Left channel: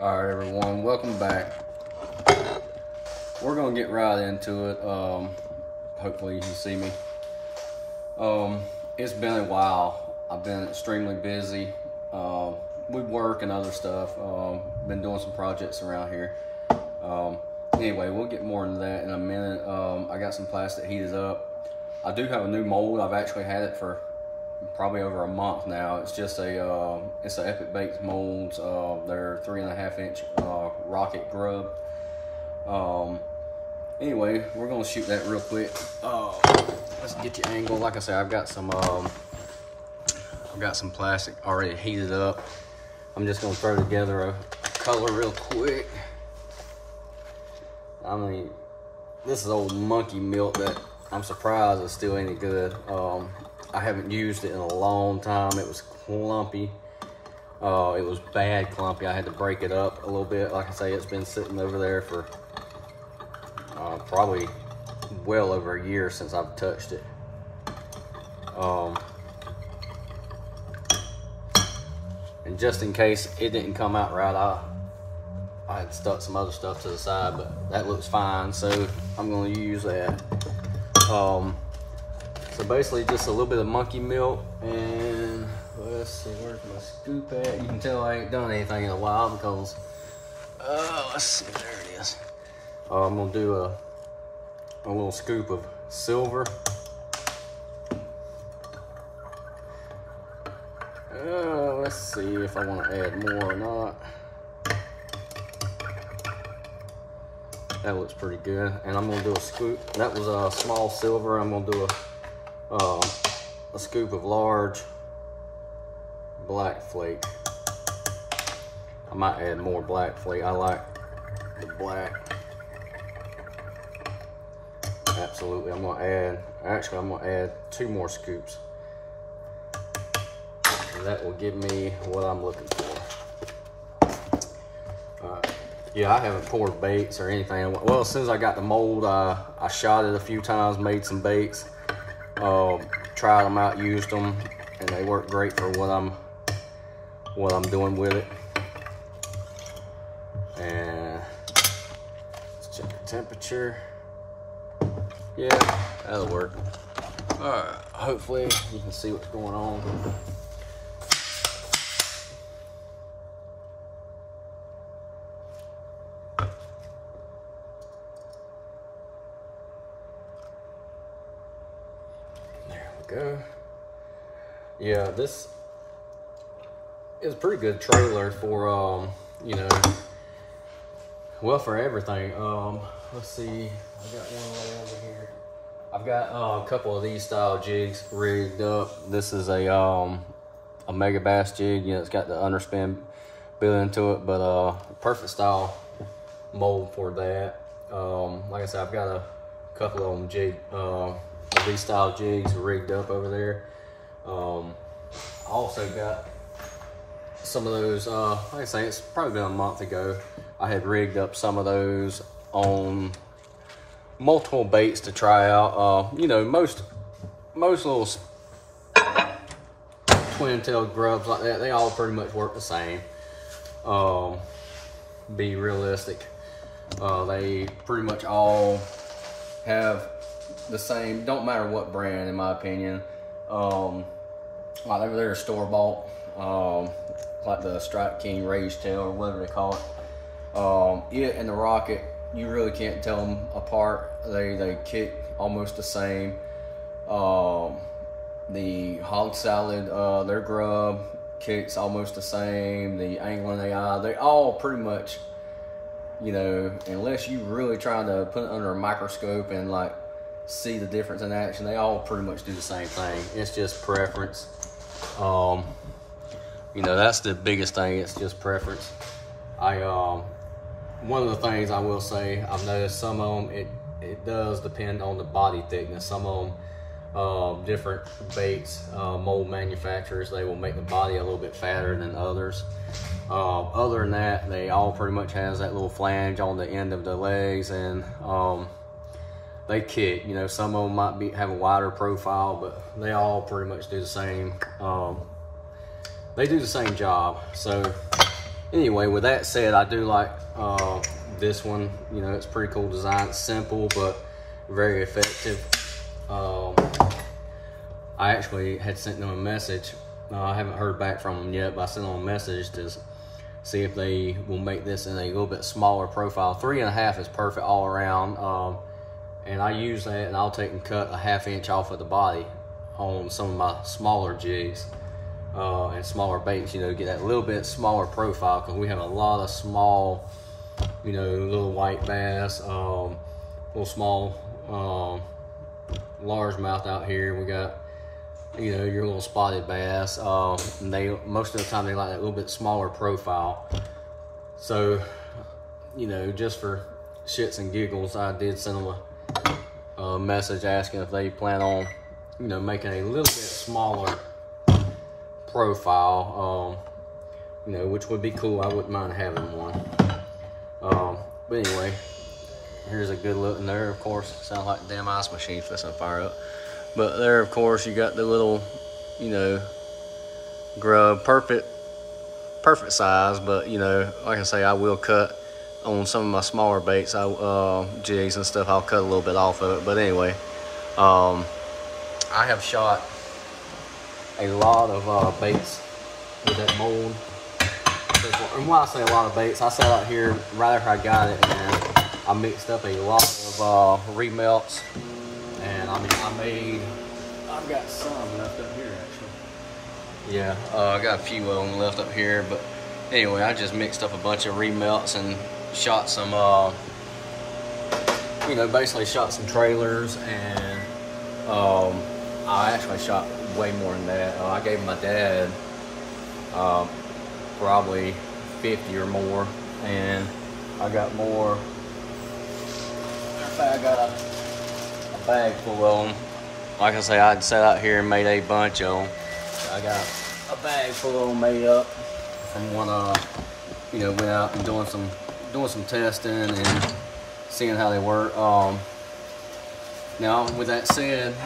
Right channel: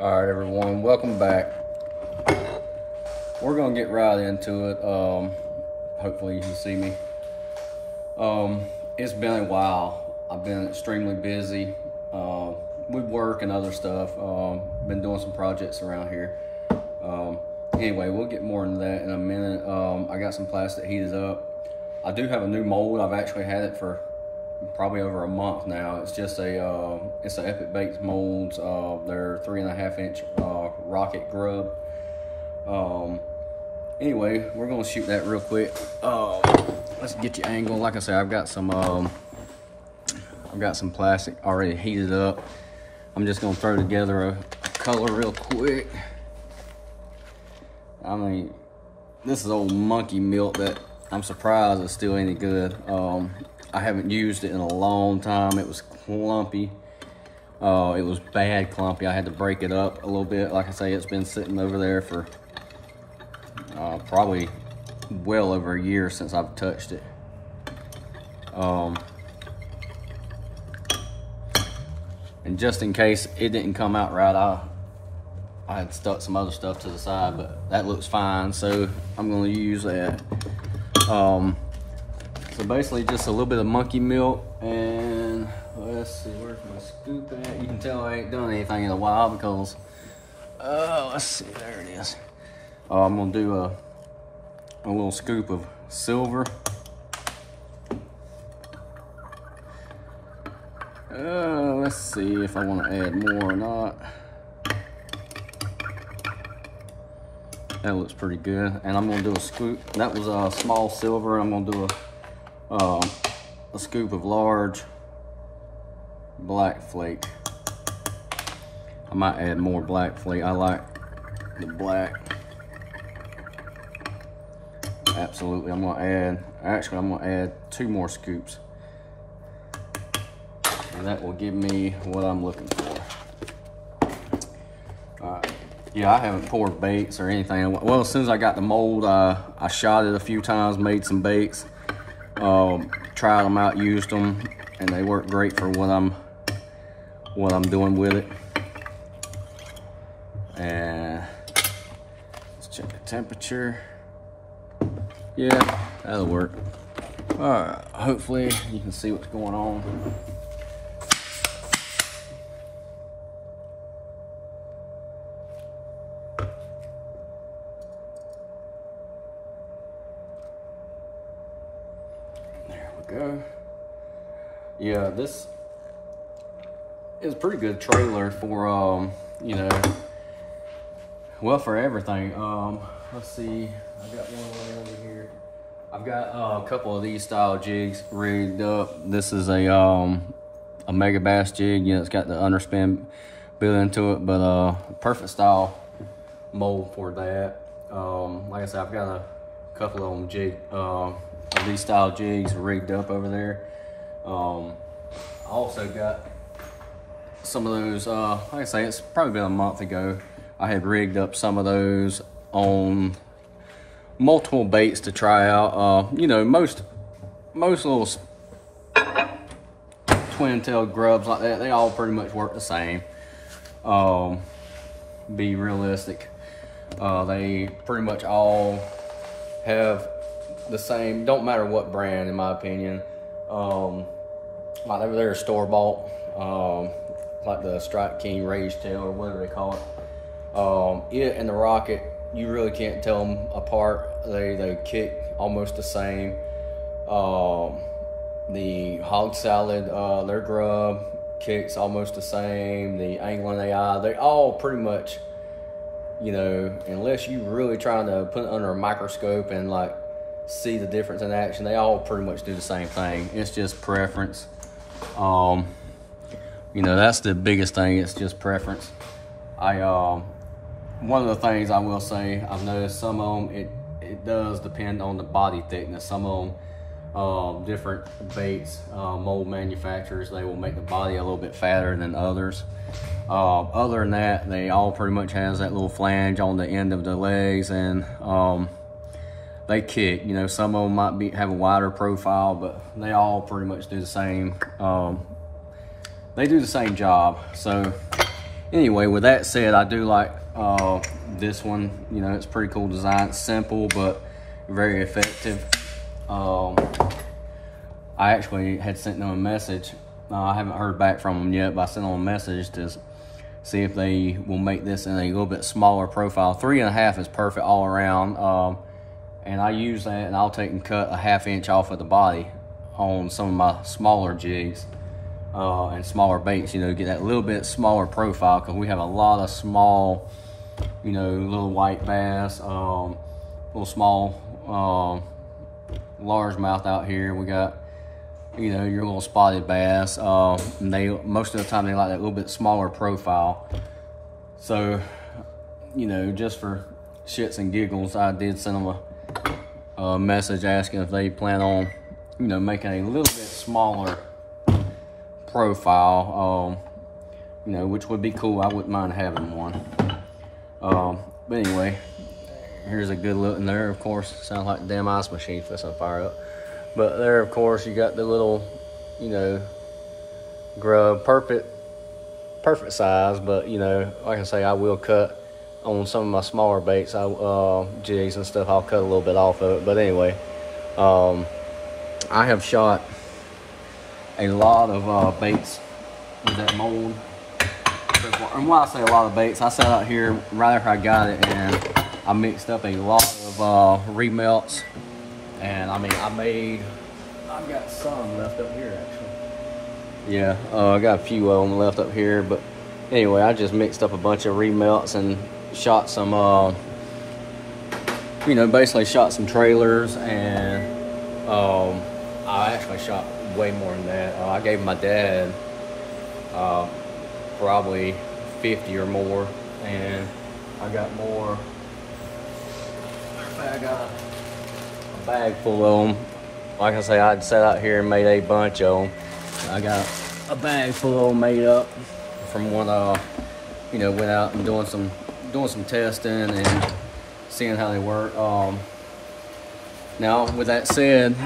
All right, everyone, welcome back. We're gonna get right into it. Hopefully you can see me. It's been a while. I've been extremely busy with work and other stuff. Been doing some projects around here. Anyway, we'll get more into that in a minute. I got some plastic heated up. I do have a new mold. I've actually had it for probably over a month now. It's just it's an Epic Bakes molds. They're 3.5 inch rocket grub. Anyway, we're gonna shoot that real quick. Let's get you angled. Like I said, I've got some plastic already heated up. I'm just gonna throw together a color real quick. I mean, this is old monkey milk that I'm surprised it's still any good. I haven't used it in a long time. It was clumpy. It was bad clumpy. I had to break it up a little bit. Like I say, it's been sitting over there for probably well over a year since I've touched it. And just in case it didn't come out right, I had stuck some other stuff to the side, but that looks fine, so I'm gonna use that. So basically just a little bit of monkey milk, and let's see, where's my scoop at? You can tell I ain't done anything in a while because, let's see, there it is. I'm gonna do a little scoop of silver. Let's see if I want to add more or not. That looks pretty good. And I'm gonna do a scoop. That was a small silver. I'm gonna do a scoop of large black flake. I might add more black flake. I like the black. Absolutely. I'm gonna add 2 more scoops. And that will give me what I'm looking for. Yeah, I haven't poured baits or anything. Well, as soon as I got the mold, I shot it a few times, made some baits, tried them out, used them, and they work great for what I'm doing with it. And let's check the temperature. Yeah, that'll work. All right, hopefully you can see what's going on. Go. Yeah, this is a pretty good trailer for you know, well, for everything. Let's see, I got one over here. I've got a couple of these style jigs rigged up. This is a mega bass jig. You know, it's got the underspin built into it, but perfect style mold for that. Like I said, I've got a couple of them these style jigs rigged up over there. I also got some of those, like I say, it's probably been a month ago. I had rigged up some of those on multiple baits to try out. You know, most little twin-tailed grubs like that, they all pretty much work the same. Be realistic. They pretty much all have the same, don't matter what brand, in my opinion. Like they're store-bought, like the Strike King Rage Tail or whatever they call it. It and the Rocket, you really can't tell them apart. They kick almost the same. The Hog Salad, their grub kicks almost the same. The Angling AI, they all pretty much, you know, unless you really trying to put it under a microscope and like see the difference in action, they all pretty much do the same thing. It's just preference. You know, that's the biggest thing. It's just preference. One of the things I will say, I've noticed some of them, it does depend on the body thickness. Some of them, different baits, mold manufacturers, they will make the body a little bit fatter than others. Other than that, they all pretty much has that little flange on the end of the legs, and they kick. You know, some of them might have a wider profile, but they all pretty much do the same. They do the same job. So anyway, with that said, I do like this one. You know, it's pretty cool design. It's simple but very effective. I actually had sent them a message. I haven't heard back from them yet, but I sent them a message to see if they will make this in a little bit smaller profile. 3.5 is perfect all around. And I use that, and I'll take and cut a 1/2 inch off of the body on some of my smaller jigs and smaller baits, you know, get that little bit smaller profile, because we have a lot of small, you know, little white bass, little small largemouth out here. We got, you know, your little spotted bass. And they, most of the time, they like that little bit smaller profile. So, you know, just for shits and giggles, I did send them a message asking if they plan on, you know, making a little bit smaller profile, you know, which would be cool. I wouldn't mind having one. But anyway, here's a good look in there. Of course, it sounds like a damn ice machine fixing to fire up. But there, of course, you got the little, you know, grub, perfect size. But, you know, like I say, I will cut on some of my smaller baits, jigs and stuff. I'll cut a little bit off of it. But anyway, I have shot a lot of baits with that mold. And when I say a lot of baits, I sat out here right after I got it, and I mixed up a lot of remelts. And I mean, I've got some left up here actually. Yeah, I got a few of them left up here. But anyway, I just mixed up a bunch of remelts and shot some, you know, basically shot some trailers. And I actually shot way more than that. I gave my dad probably 50 or more, and I got more. I got a bag full of them. Like I say, I'd sat out here and made a bunch of them. I got a bag full of them made up from when you know, went out and doing some testing and seeing how they work. Now, with that said,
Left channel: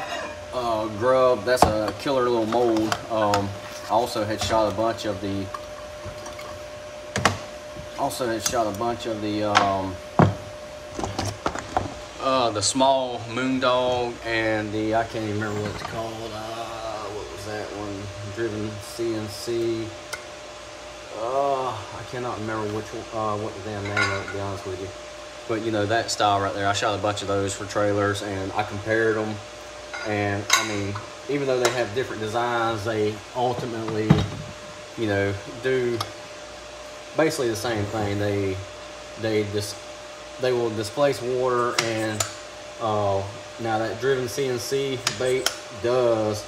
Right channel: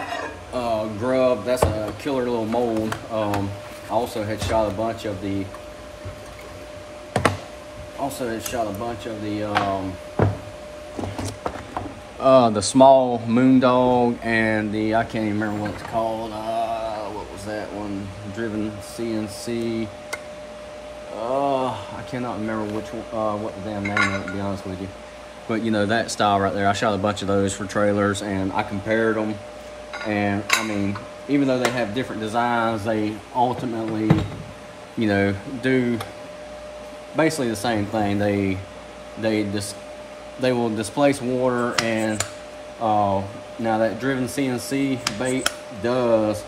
Grub, that's a killer little mold. I also had shot a bunch of the small moondog and the, I can't even remember what it's called. What was that one? Driven CNC. I cannot remember which what the damn name was, to be honest with you. But you know, that style right there, I shot a bunch of those for trailers, and I compared them. And I mean, even though they have different designs, they ultimately, you know, do basically the same thing. They will displace water, and now that driven CNC bait does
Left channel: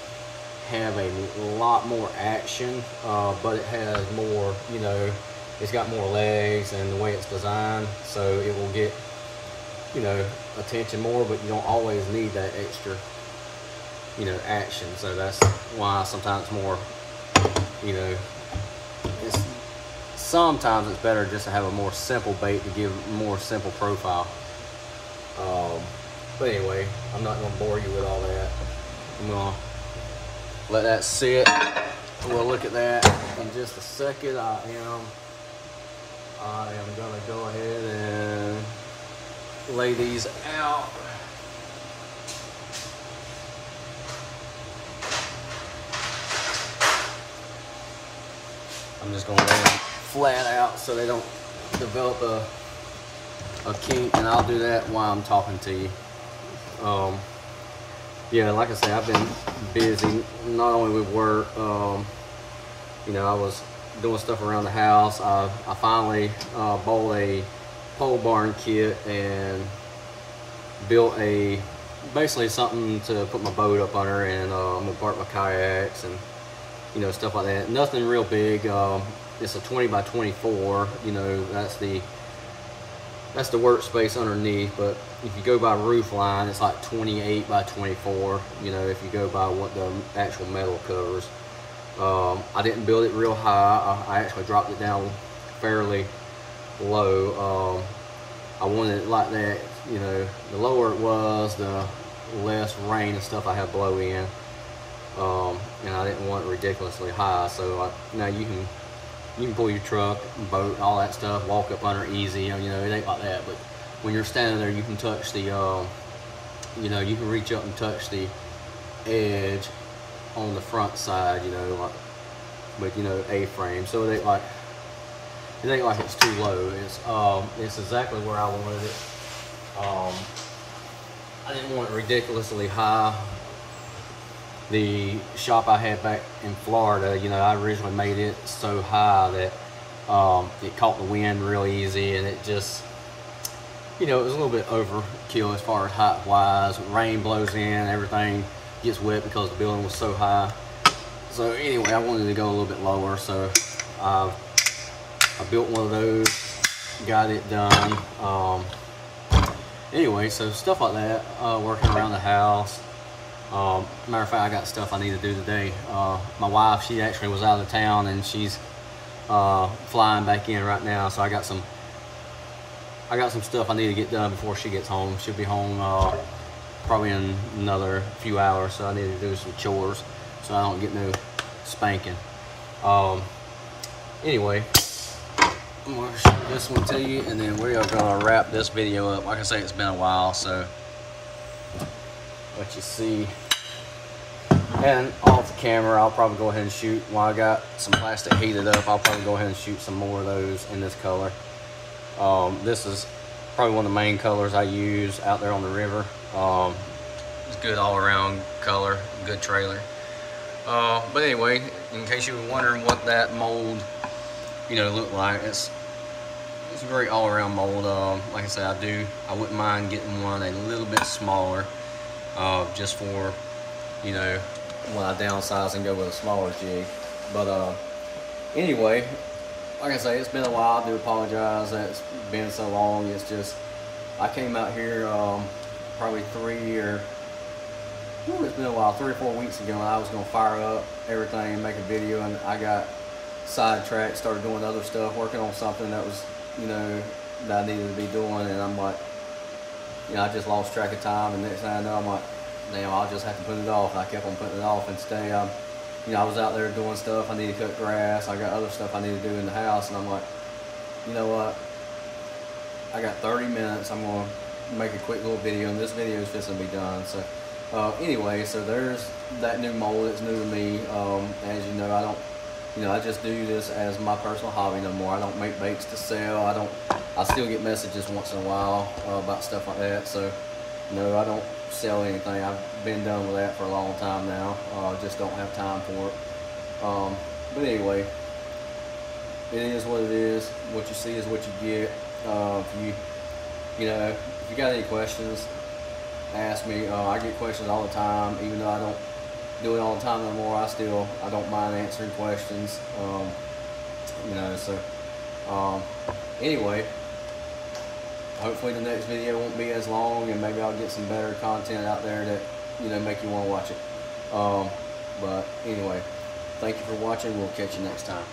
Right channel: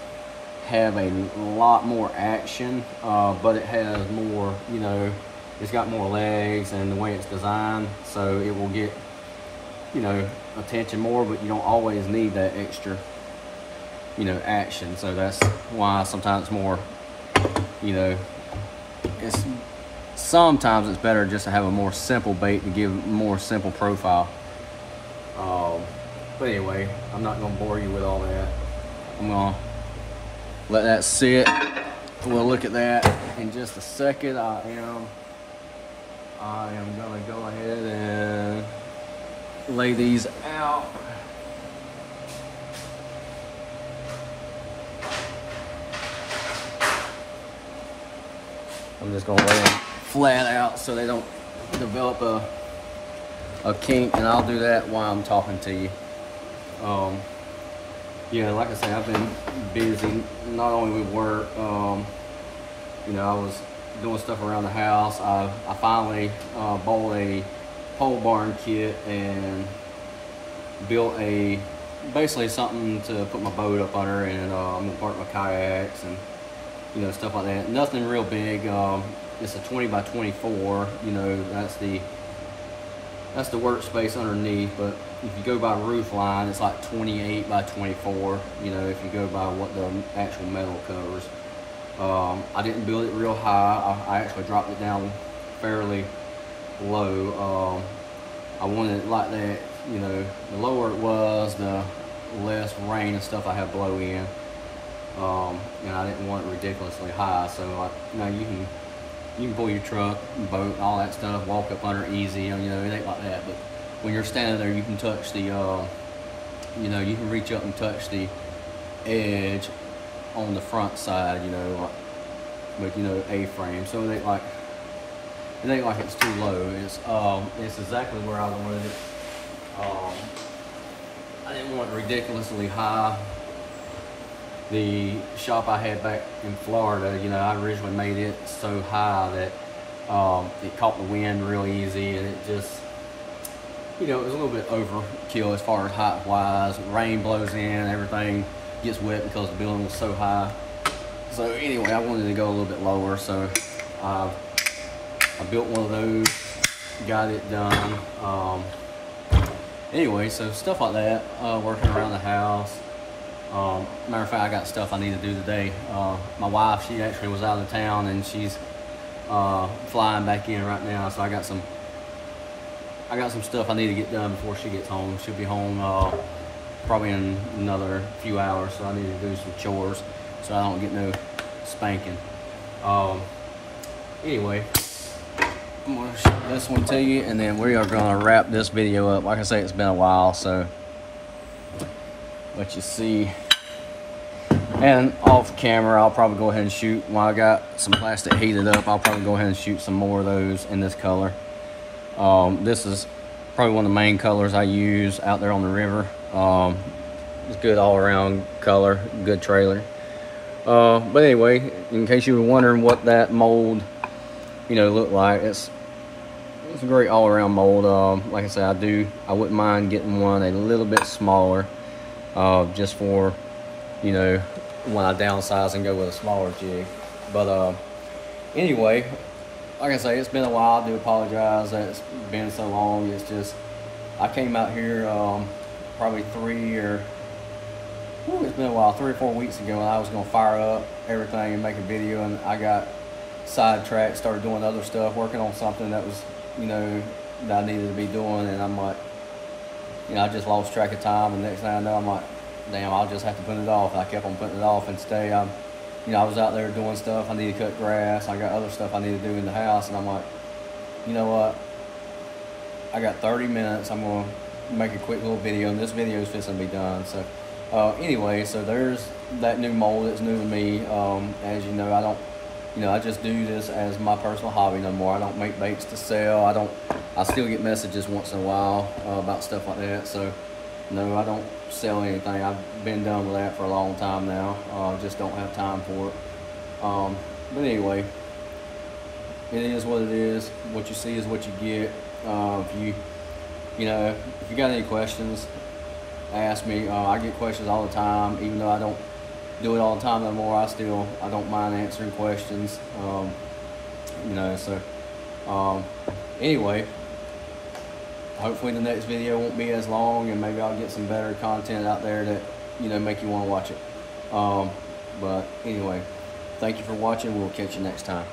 have a lot more action, but it has more, you know, it's got more legs and the way it's designed, so it will get, you know, attention more, but you don't always need that extra, you know, action. So that's why sometimes it's more, you know, sometimes it's better just to have a more simple bait to give a more simple profile. But anyway, I'm not going to bore you with all that. I'm going to let that sit. We'll look at that in just a second. I am going to go ahead and lay these out. I'm just going to lay them flat out so they don't develop a kink, and I'll do that while I'm talking to you. Yeah, like I say, I've been busy, not only with work. You know, I was doing stuff around the house. I finally bought a pole barn kit and built basically something to put my boat up under, and I'm gonna park my kayaks and, you know, stuff like that. Nothing real big. It's a 20 by 24. You know, that's the workspace underneath. But if you go by roof line, it's like 28 by 24. You know, if you go by what the actual metal covers. I didn't build it real high. I actually dropped it down fairly low. I wanted it like that. You know, the lower it was, the less rain and stuff I have blow in. And I didn't want it ridiculously high. So now you can You can pull your truck, boat, all that stuff, walk up under easy, you know, it ain't like that. But when you're standing there, you can touch the, you know, you can reach up and touch the edge on the front side, you know, like, with, you know, A-frame. So it ain't like it's too low. It's exactly where I wanted it. I didn't want it ridiculously high. The shop I had back in Florida, you know, I originally made it so high that it caught the wind real easy, and it just, you know, it was a little bit overkill as far as height wise. Rain blows in, everything gets wet because the building was so high. So anyway, I wanted to go a little bit lower, so I built one of those, got it done. Anyway, so stuff like that, working around the house. Matter of fact, I got stuff I need to do today. My wife, she actually was out of town, and she's flying back in right now. So I got some stuff I need to get done before she gets home. She'll be home probably in another few hours, so I need to do some chores so I don't get no spanking. Anyway, I'm gonna show this one to you, and then we are gonna wrap this video up. Like I say, it's been a while, so let you see. And off camera, I'll probably go ahead and shoot. While I got some plastic heated up, I'll probably go ahead and shoot some more of those in this color. This is probably one of the main colors I use out there on the river. It's good all around color, good trailer. But anyway, in case you were wondering what that mold, you know, looked like, it's a great all around mold. Like I said, I wouldn't mind getting one a little bit smaller, just for, you know, when I downsize and go with a smaller jig. But anyway, like I say, it's been a while. I do apologize that it's been so long. It's just, I came out here probably it's been a while, 3 or 4 weeks ago, and I was gonna fire up everything and make a video, and I got sidetracked, started doing other stuff, working on something that was, you know, that I needed to be doing, and I'm like, you know, I just lost track of time, and next thing I know, I'm like, damn, I'll just have to put it off. And I kept on putting it off, and today you know, I was out there doing stuff. I need to cut grass. I got other stuff I need to do in the house, and I'm like, you know what? I got 30 minutes. I'm gonna make a quick little video, and this video is fixing to be done. So anyway, so there's that new mold that's new to me. As you know, I just do this as my personal hobby no more. I don't make baits to sell. I still get messages once in a while about stuff like that. So no, I don't sell anything. I've been done with that for a long time now. Just don't have time for it. But anyway, it is what it is. What you see is what you get. If you got any questions, ask me. I get questions all the time, even though I don't do it all the time no more. I don't mind answering questions. You know, so anyway, hopefully the next video won't be as long, and maybe I'll get some better content out there that, you know, make you want to watch it. But anyway, thank you for watching. We'll catch you next time.